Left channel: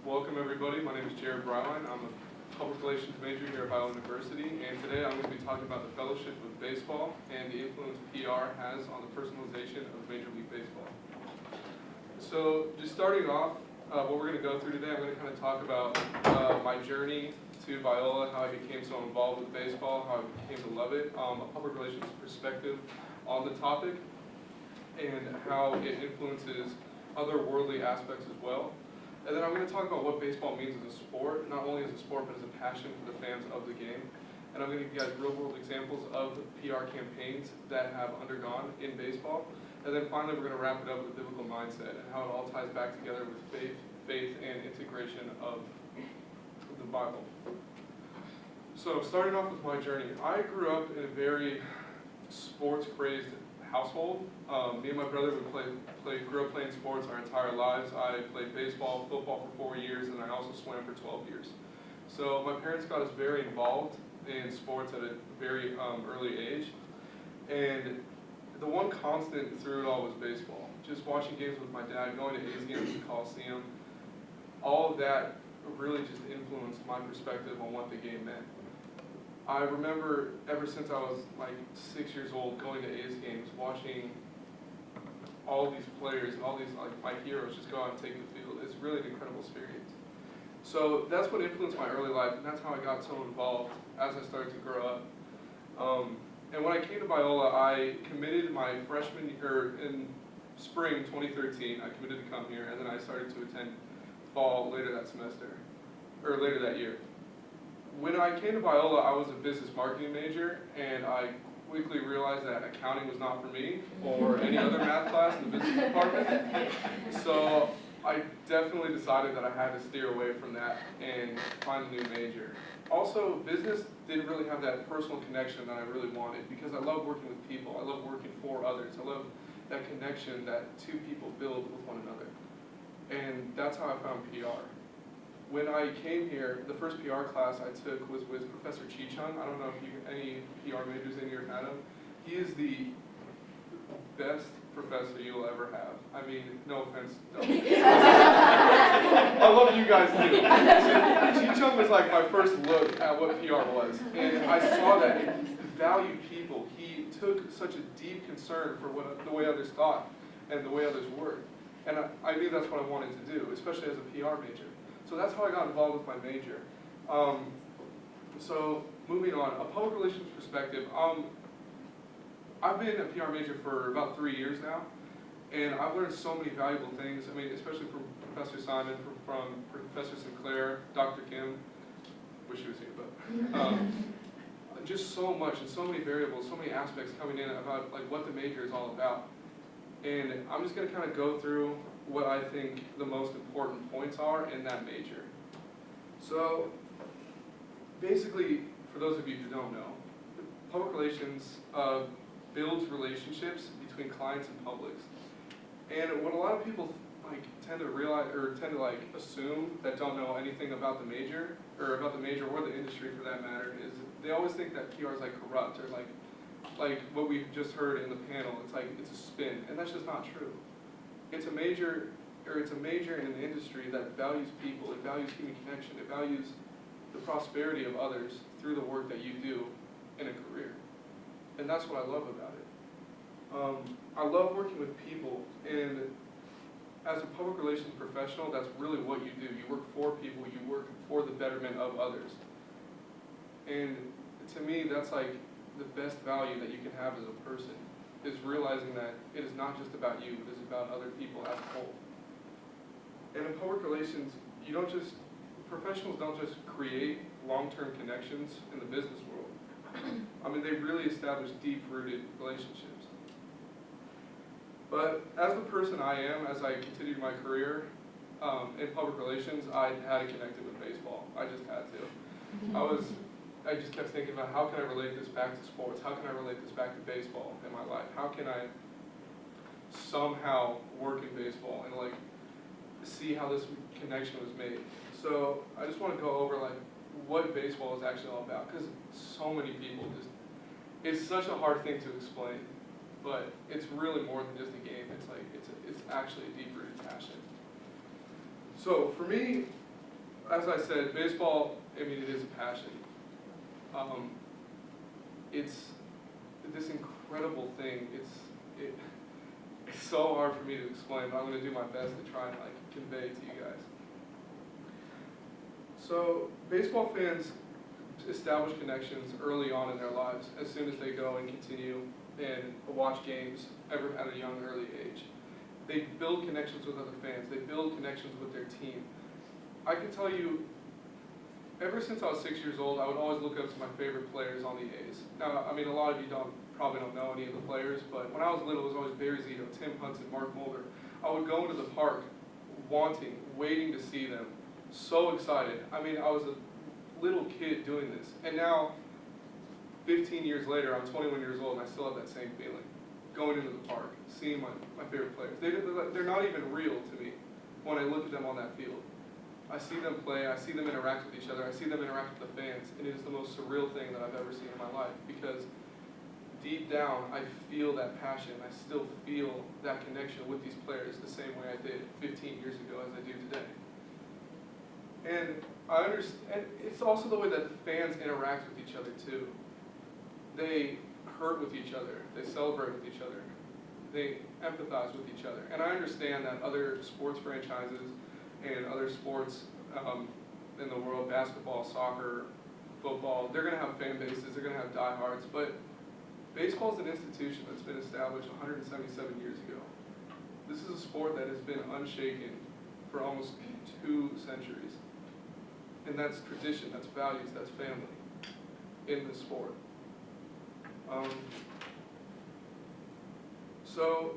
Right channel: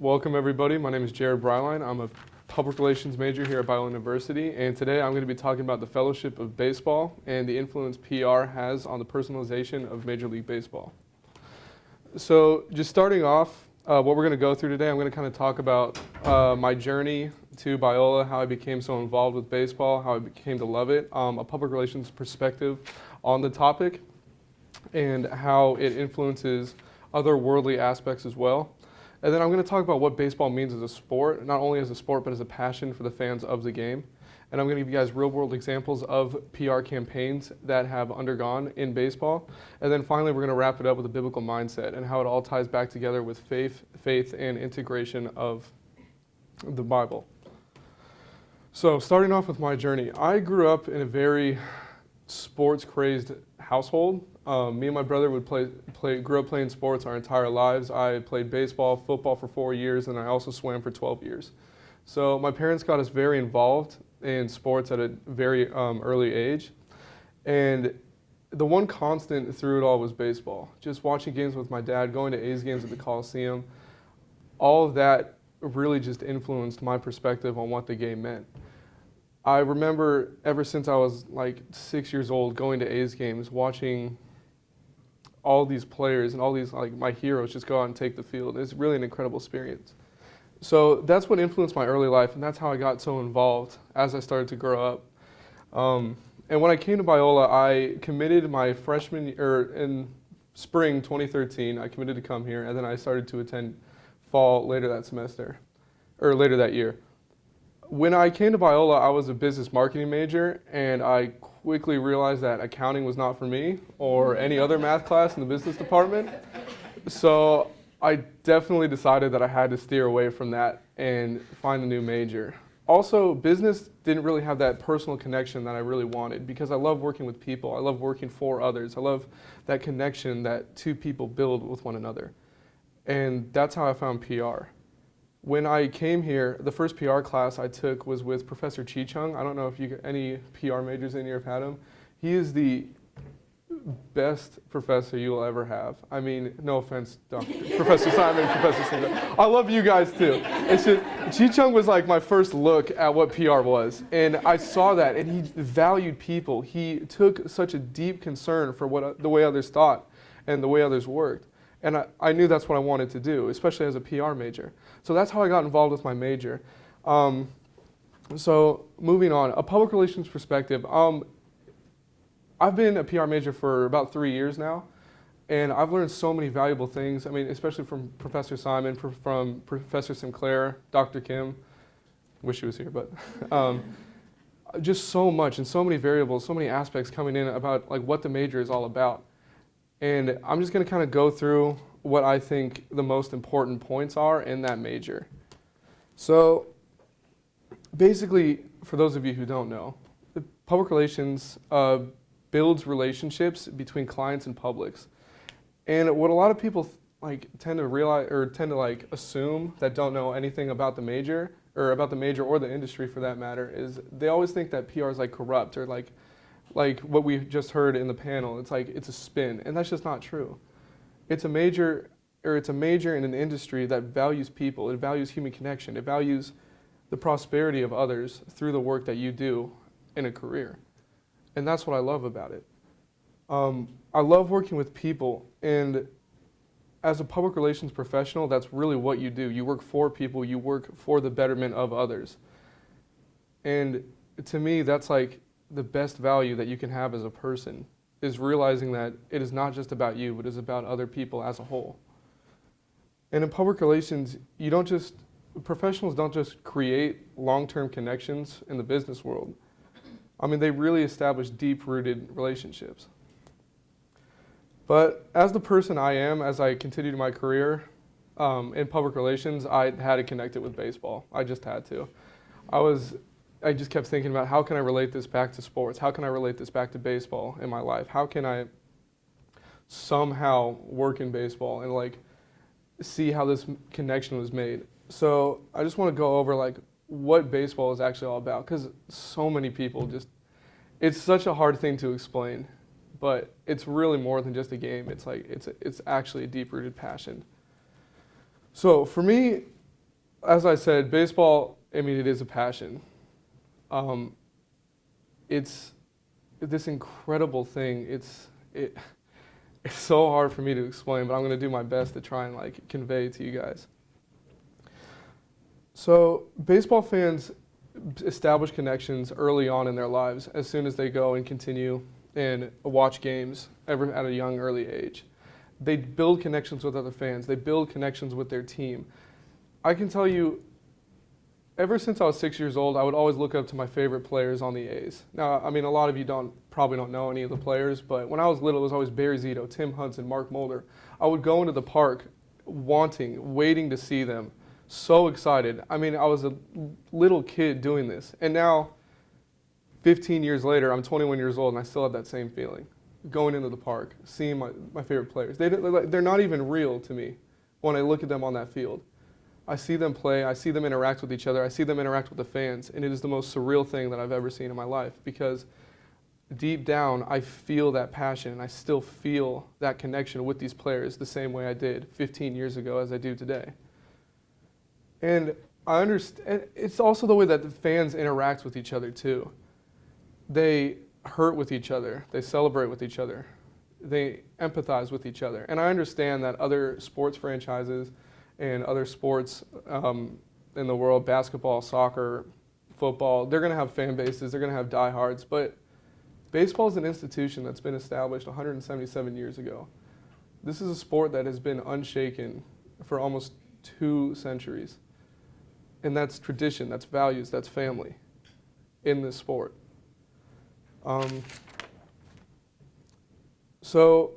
Welcome everybody. My name is Jared Breilein. I'm a public relations major here at Breilein University, and today I'm going to be talking about the Fellowship of Baseball and the influence PR has on the personalization of Major League Baseball. So just starting off, what we're going to go through today, I'm going to kind of talk about my journey to Biola, how I became so involved with baseball, how I came to love it, a public relations perspective on the topic, and how it influences other worldly aspects as well. And then I'm going to talk about what baseball means as a sport, not only as a sport, but as a passion for the fans of the game. And I'm going to give you guys real-world examples of PR campaigns that have undergone in baseball. And then finally, we're going to wrap it up with a biblical mindset and how it all ties back together with faith, and integration of the Bible. So starting off with my journey, I grew up in a very sports-crazed household. Me and my brother would grew up playing sports our entire lives. I played baseball, football for 4 years, and I also swam for 12 years. So my parents got us very involved in sports at a very early age. And the one constant through it all was baseball. Just watching games with my dad, going to A's games at the Coliseum, all of that really just influenced my perspective on what the game meant. I remember ever since I was like 6 years old going to A's games, watching all these players and all these like my heroes just go out and take the field. It's really an incredible experience. So that's what influenced my early life, and that's how I got so involved as I started to grow up. And when I came to Biola, I committed my in spring 2013. I committed to come here, and then I started to attend fall later that year. When I came to Biola, I was a business marketing major, and I quickly realized that accounting was not for me or any other math class in the business department. So I definitely decided that I had to steer away from that and find a new major. Also, business didn't really have that personal connection that I really wanted because I love working with people. I love working for others. I love that connection that two people build with one another. And that's how I found PR. When I came here, the first PR class I took was with Professor Chi-Chung. I don't know if any PR majors in here have had him. He is the best professor you will ever have. I mean, no offense, Professor Simon, I love you guys too. Chi-Chung was like my first look at what PR was, and I saw that, and he valued people. He took such a deep concern for the way others thought and the way others worked, and I knew that's what I wanted to do, especially as a PR major. So that's how I got involved with my major. So moving on, a public relations perspective. I've been a PR major for about 3 years now, and I've learned so many valuable things. I mean, especially from Professor Simon, from Professor Sinclair, Dr. Kim. Wish he was here, but just so much and so many variables, so many aspects coming in about like what the major is all about. And I'm just going to kind of go through what I think the most important points are in that major. So basically, for those of you who don't know, public relations builds relationships between clients and publics. And what a lot of people tend to realize or tend to assume that don't know anything about the major or the industry for that matter is they always think that PR is corrupt or like what we just heard in the panel. It's a spin, and that's just not true. It's a major in an industry that values people. It values human connection. It values the prosperity of others through the work that you do in a career. And that's what I love about it. I love working with people, and as a public relations professional, that's really what you do. You work for people. You work for the betterment of others. And to me, that's the best value that you can have as a person, is realizing that it is not just about you, but it is about other people as a whole. And in public relations, professionals don't just create long-term connections in the business world. I mean, they really establish deep-rooted relationships. But as the person I am, as I continued my career in public relations, I had to connect it with baseball. I just had to. I just kept thinking about how can I relate this back to sports? How can I relate this back to baseball in my life? How can I somehow work in baseball and see how this connection was made? So I just want to go over what baseball is actually all about, because so many people it's such a hard thing to explain, but it's really more than just a game. It's actually a deep-rooted passion. So for me, as I said, baseball, I mean, it is a passion. Um, it's this incredible thing. It's so hard for me to explain, but I'm going to do my best to try and like convey it to you guys. So baseball fans establish connections early on in their lives as soon as they go and continue and watch games ever at a young early age. They build connections with other fans. They build connections with their team. I can tell you, ever since I was 6 years old, I would always look up to my favorite players on the A's. Now, I mean, a lot of you probably don't know any of the players, but when I was little, it was always Barry Zito, Tim Hudson, Mark Mulder. I would go into the park waiting to see them, so excited. I mean, I was a little kid doing this, and now, 15 years later, I'm 21 years old, and I still have that same feeling. Going into the park, seeing my favorite players. They're not even real to me when I look at them on that field. I see them play, I see them interact with each other, I see them interact with the fans, and it is the most surreal thing that I've ever seen in my life because deep down, I feel that passion. I still feel that connection with these players the same way I did 15 years ago as I do today. And I understand, it's also the way that the fans interact with each other too. They hurt with each other, they celebrate with each other, they empathize with each other. And I understand that other sports franchises and other sports in the world, basketball, soccer, football, they're going to have fan bases, they're going to have diehards, but baseball is an institution that's been established 177 years ago. This is a sport that has been unshaken for almost 2 centuries. And that's tradition, that's values, that's family in this sport. So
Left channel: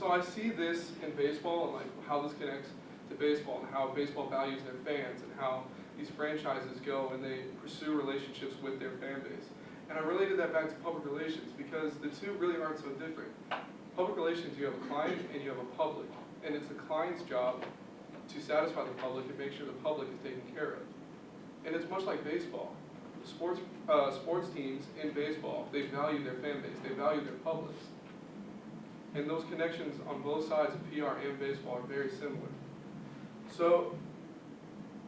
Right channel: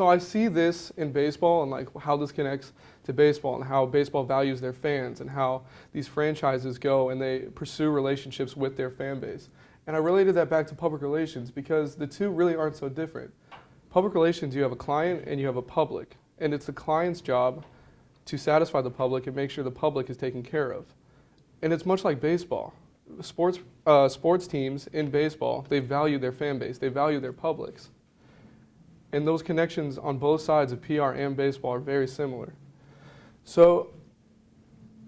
I see this in baseball and like how this connects to baseball and how baseball values their fans and how these franchises go and they pursue relationships with their fan base. And I related that back to public relations because the two really aren't so different. Public relations, you have a client and you have a public, and it's the client's job to satisfy the public and make sure the public is taken care of. And it's much like baseball. Sports teams in baseball, they value their fan base, they value their publics. And those connections on both sides of PR and baseball are very similar. So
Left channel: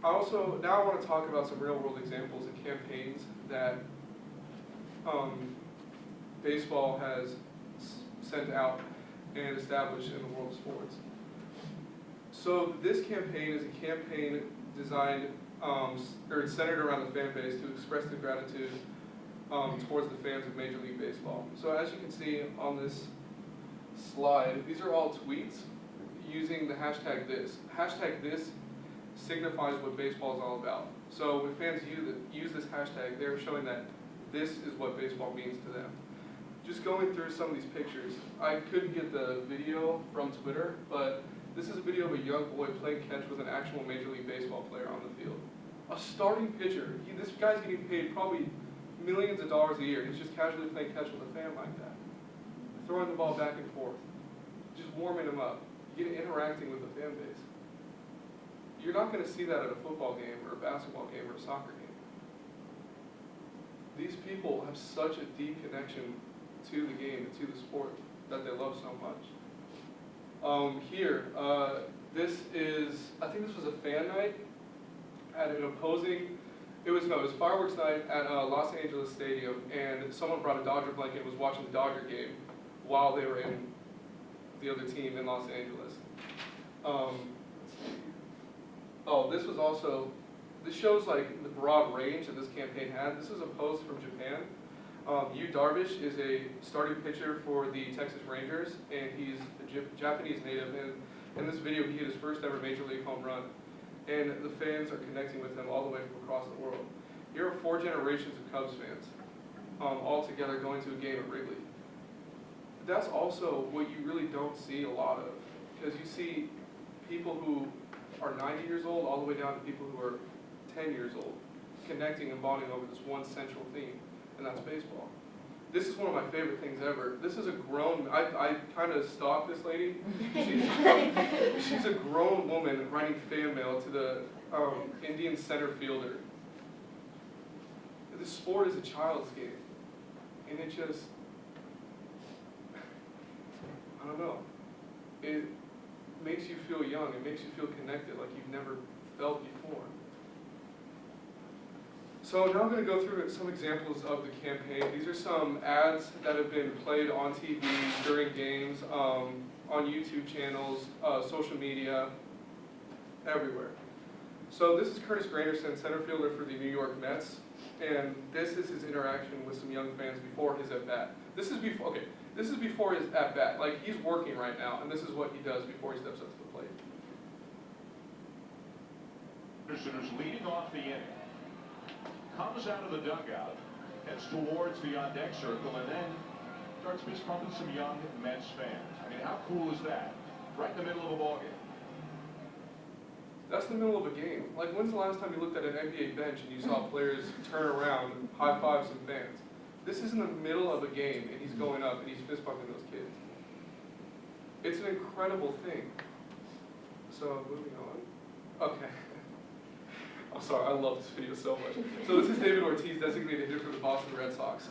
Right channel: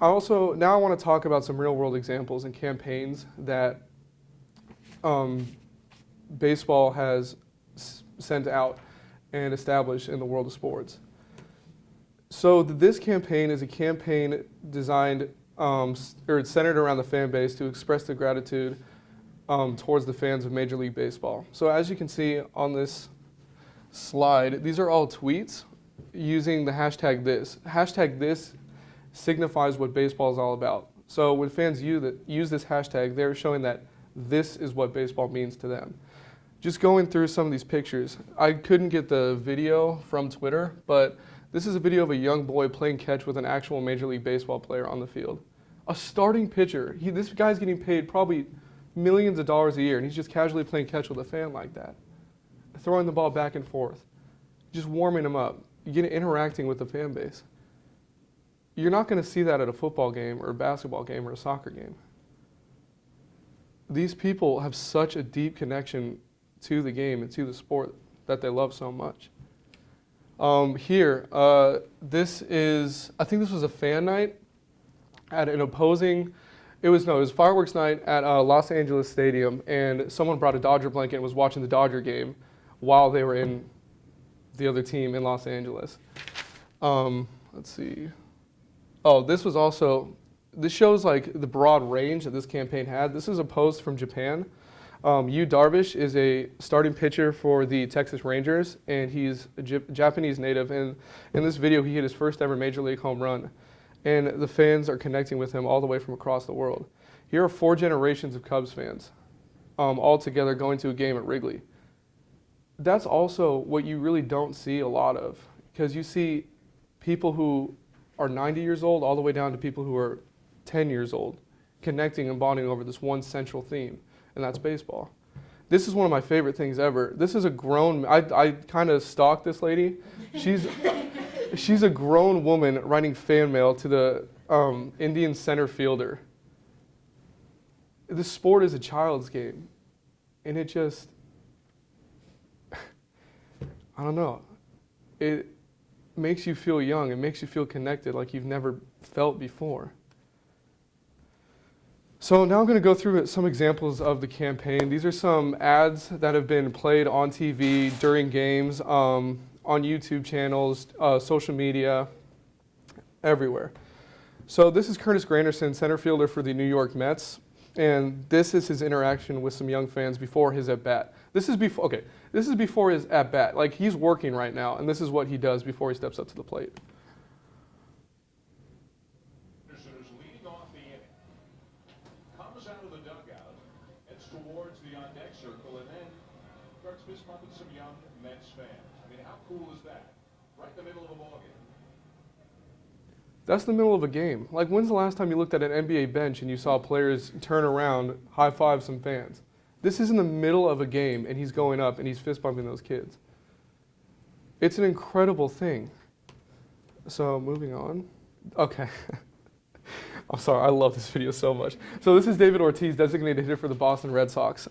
now I want to talk about some real world examples and campaigns that baseball has sent out and established in the world of sports. So this campaign is a campaign designed, or it's centered around the fan base to express their gratitude towards the fans of Major League Baseball. So as you can see on this slide, these are all tweets using the hashtag this. Hashtag this signifies what baseball is all about. So when fans use this hashtag, they're showing that this is what baseball means to them. Just going through some of these pictures, I couldn't get the video from Twitter, but this is a video of a young boy playing catch with an actual Major League Baseball player on the field. A starting pitcher. This guy's getting paid probably millions of dollars a year, and he's just casually playing catch with a fan like that. Throwing the ball back and forth. Just warming him up. You get interacting with the fan base. You're not going to see that at a football game or a basketball game or a soccer game. These people have such a deep connection to the game and to the sport that they love so much. This is, I think this was a fan night at an opposing, it was fireworks night at Los Angeles Stadium, and someone brought a Dodger blanket and was watching the Dodger game while they were in the other team in Los Angeles. Let's see. Oh, this shows like the broad range that this campaign had. This is a post from Japan. Yu Darvish is a starting pitcher for the Texas Rangers, and he's a Japanese native. And in this video, he hit his first ever Major League home run. And the fans are connecting with him all the way from across the world. Here are 4 generations of Cubs fans, all together going to a game at Wrigley. That's also what you really don't see a lot of, because you see people who are 90 years old all the way down to people who are 10 years old, connecting and bonding over this one central theme, and that's baseball. This is one of my favorite things ever. This is a grown, I kind of stalked this lady. She's a grown woman writing fan mail to the Indian center fielder. This sport is a child's game, and it just, I don't know. It makes you feel young. It makes you feel connected like you've never felt before. So now I'm going to go through some examples of the campaign. These are some ads that have been played on TV during games, on YouTube channels, social media, everywhere. So this is Curtis Granderson, center fielder for the New York Mets, and this is his interaction with some young fans before his at-bat. This is before his at-bat. Like, he's working right now, and this is what he does before he steps up to the plate. Anderson is leading off the inning. Comes out of the dugout, heads towards the on-deck circle, and then starts fist pumping some young Mets fans. I mean, how cool is that? Right in the middle of a ball game. That's the middle of a game. Like, when's the last time you looked at an NBA bench and you saw players turn around, high-five some fans? This is in the middle of a game, and he's going up, and he's fist-bumping those kids. It's an incredible thing. So, moving on. Okay. I'm sorry, I love this video so much. So this is David Ortiz, designated hitter for the Boston Red Sox.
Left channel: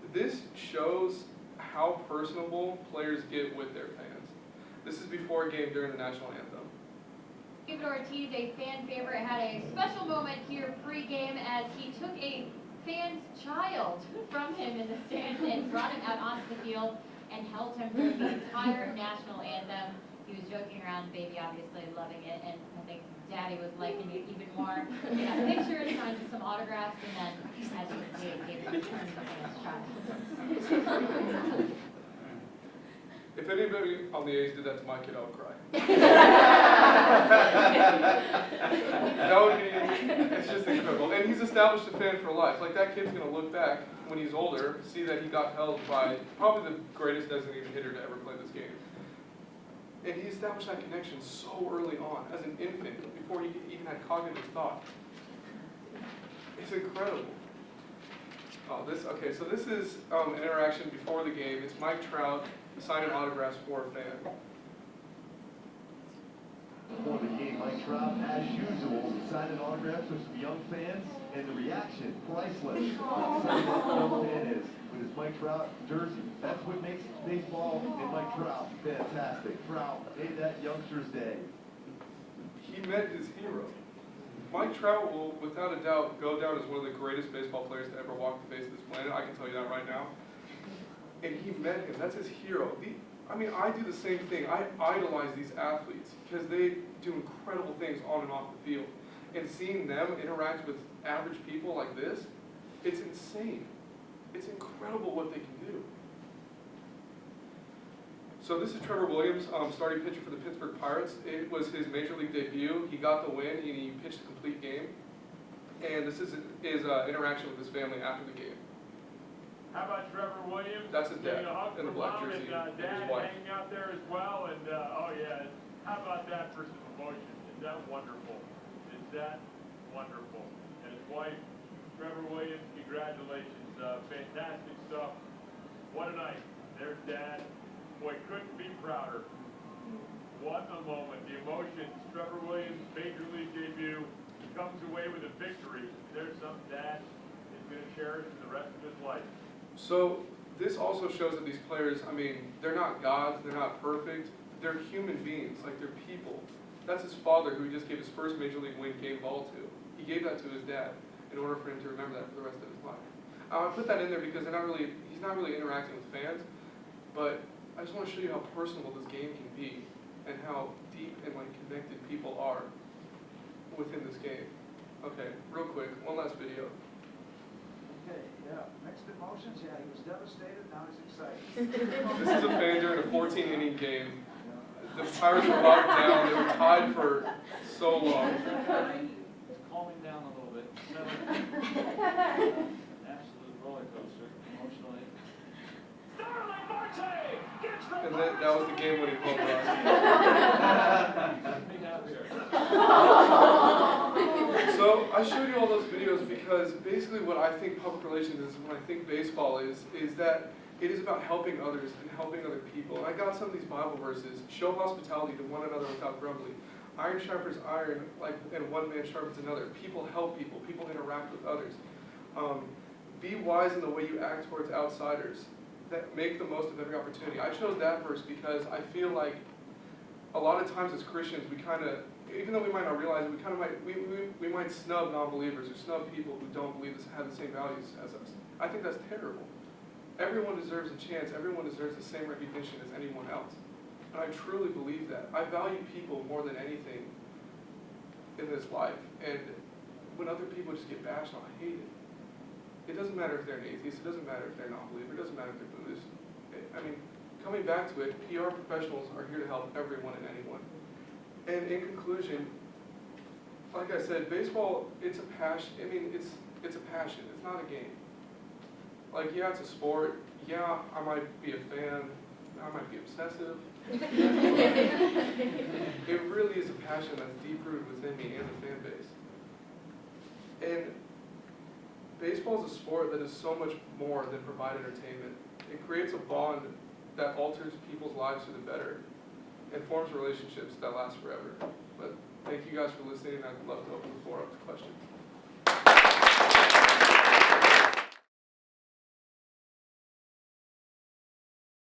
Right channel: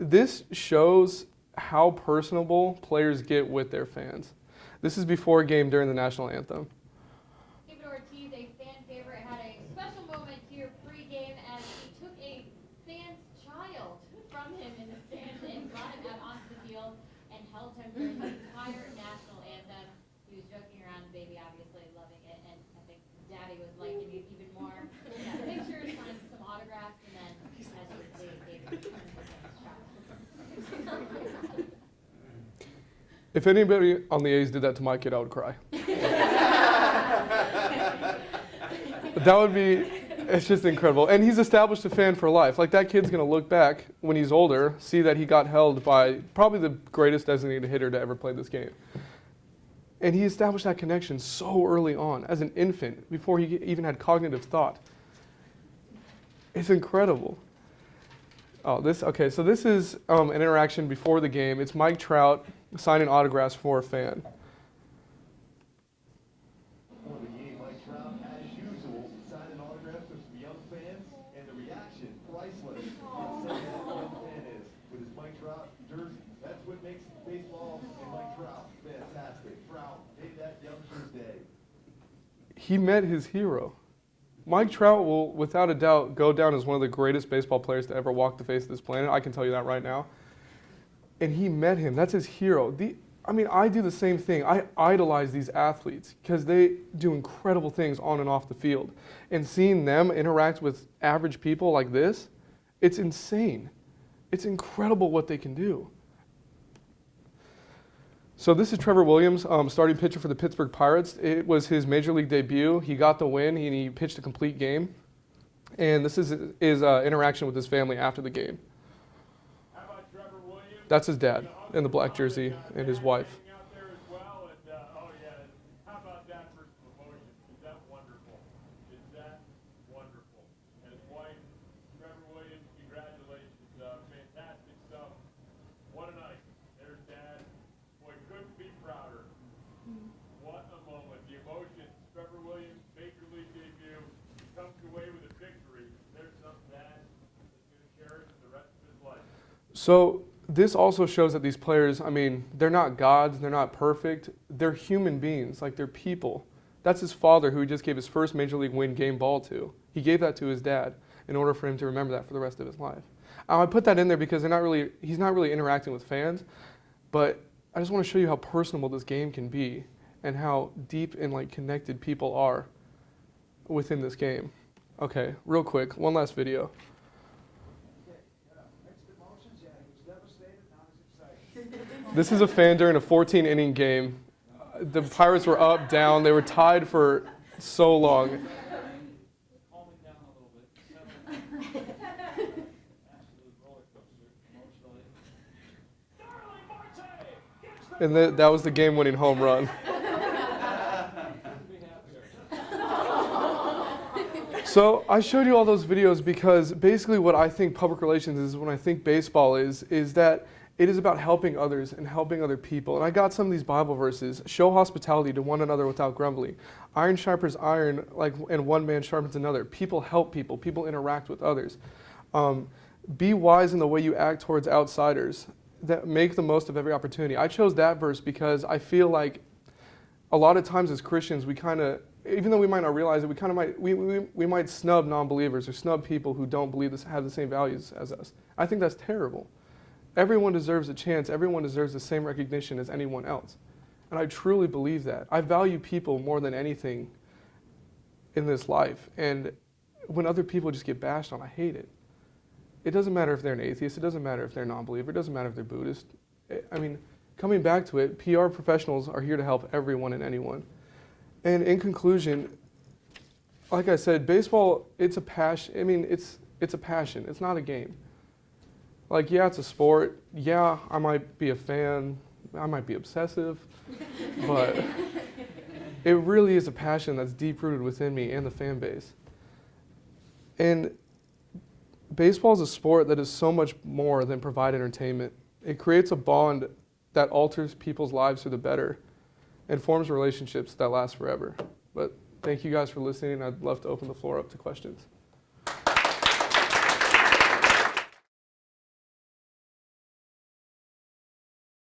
This shows how personable players get with their fans. This is before a game during the national anthem. David Ortiz, a fan favorite, had a special moment here pre-game as he took a fan's child from him in the stands and brought him out onto the field and held him during the entire national anthem. He was joking around, baby obviously loving it, and I think Daddy was liking it even more. We got pictures, trying to do some autographs, and then, as you can see, David returned the fan's child. If anybody on the A's did that to my kid, I would cry. That would be, it's just incredible. And he's established a fan for life. Like, that kid's going to look back when he's older, see that he got held by probably the greatest designated hitter to ever play this game. And he established that connection so early on, as an infant, before he even had cognitive thought. It's incredible. Oh, so this is an interaction before the game. It's Mike Trout signing autographs for a fan. Before the game, Mike Trout, as usual, signing autographs with some young fans, and the reaction, priceless. How excited that young fan is with his Mike Trout jersey. That's what makes baseball and Mike Trout fantastic. Trout made that youngster's day. He met his hero. Mike Trout will, without a doubt, go down as one of the greatest baseball players to ever walk the face of this planet. I can tell you that right now. And he met him. That's his hero. I do the same thing. I idolize these athletes because they do incredible things on and off the field. And seeing them interact with average people like this, it's insane. It's incredible what they can do. So this is Trevor Williams, starting pitcher for the Pittsburgh Pirates. It was his major league debut. He got the win. He pitched a complete game. And this is his interaction with his family after the game. How about Trevor Williams? That's his dad in the black jersey and his wife. Hanging out there as well, and oh yeah, how about that for some emotion? Is that wonderful? Is that wonderful? And his wife, Trevor Williams, congratulations, fantastic stuff. What a night. There's Dad. Boy, couldn't be prouder. What a moment. The emotions. Trevor Williams, major league debut. He comes away with a victory. There's something Dad is going to cherish in the rest of his life. So this also shows that these players, they're not gods, they're not perfect, they're human beings, like they're people. That's his father who he just gave his first major league win game ball to. He gave that to his dad in order for him to remember that for the rest of his life. I put that in there because he's not really interacting with fans, but I just want to show you how personable this game can be and how deep and connected people are within this game. Okay, real quick, one last video. Okay, yeah, mixed emotions. Yeah, he was devastated. Now he's excited. This is a fan during a 14-inning game. The Pirates were up, down. They were tied for so long. Calming down a little bit. Absolute roller coaster, emotionally. And that was the game-winning home run. So I showed you all those videos because basically what I think public relations is, when I think baseball is that it is about helping others and helping other people. And I got some of these Bible verses. Show hospitality to one another without grumbling. Iron sharpens iron, and one man sharpens another. People help people. People interact with others. Be wise in the way you act towards outsiders. That make the most of every opportunity. I chose that verse because I feel like a lot of times as Christians we kind of even though we might not realize it, we kind of might, we might snub non-believers or snub people who don't believe this, have the same values as us. I think that's terrible. Everyone deserves a chance. Everyone deserves the same recognition as anyone else. And I truly believe that. I value people more than anything in this life. And when other people just get bashed on, I hate it. It doesn't matter if they're an atheist. It doesn't matter if they're a non-believer. It doesn't matter if they're Buddhist. I mean, coming back to it, PR professionals are here to help everyone and anyone. And in conclusion, like I said, baseball, it's a passion. I mean, it's a passion. It's not a game. Like, yeah, it's a sport. Yeah, I might be a fan. I might be obsessive. But it really is a passion that's deep-rooted within me and the fan base. And baseball is a sport that is so much more than provide entertainment. It creates a bond that alters people's lives for the better and forms relationships that last forever. But thank you guys for listening. I'd love to open the floor up to questions.